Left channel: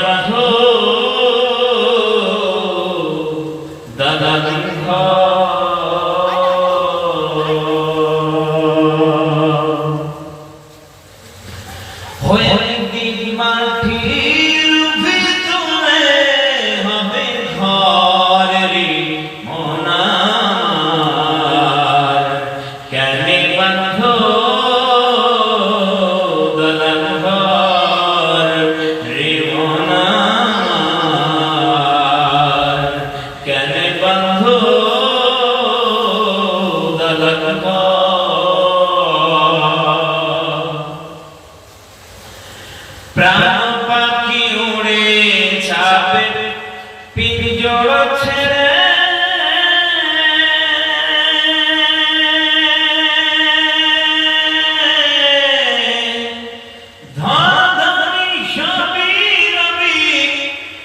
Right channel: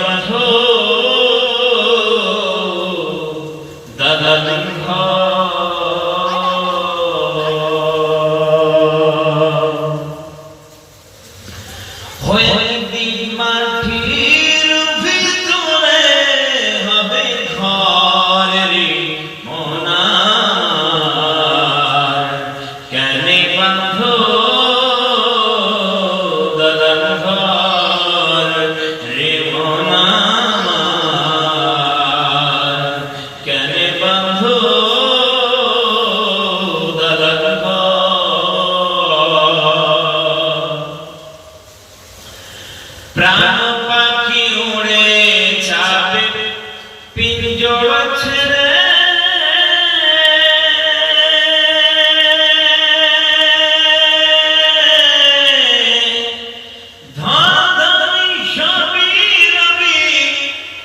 বাঁধো প্রাণ পাখি উড়ে ছাপে পিঞ্জর ছেড়ে।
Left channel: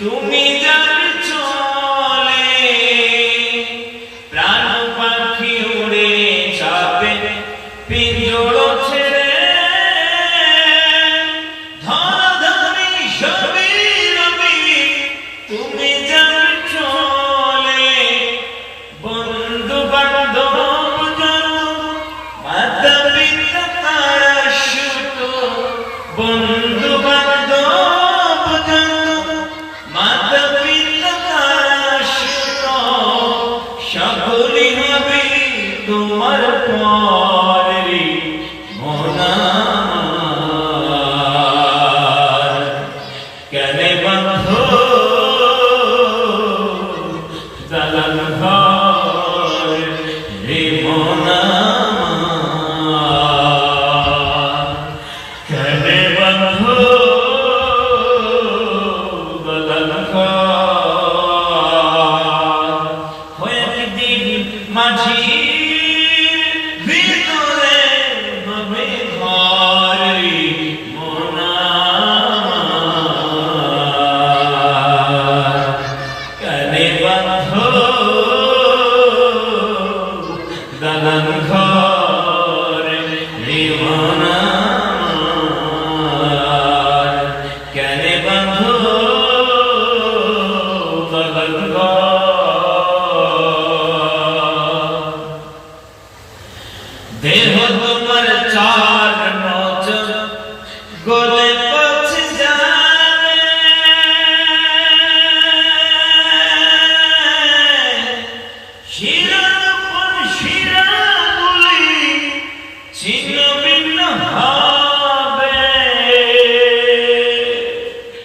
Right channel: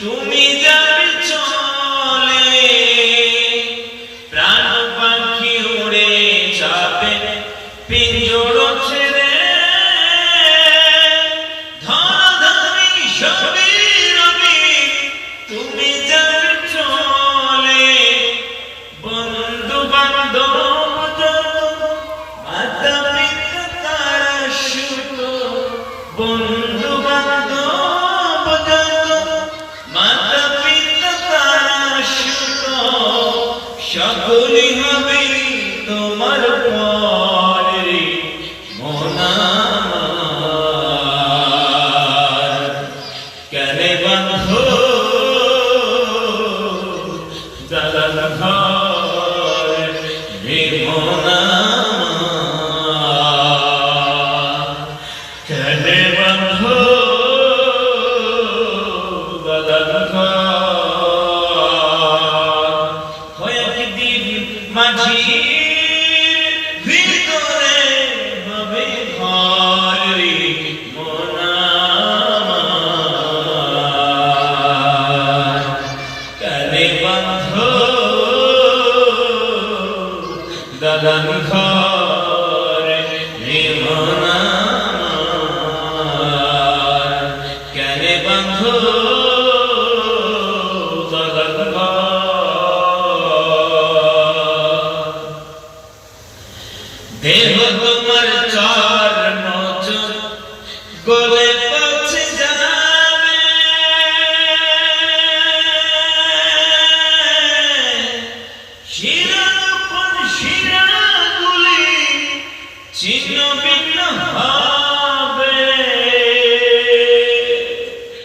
তুমি যাবি চলে। প্রাণ পাখি উড়ে যাবে বন্ধু বান্ধব মাতা পিতা তারা সকলে অন্ধকার হয়ে দিন মাঝি ছিন্ন ভিন্ন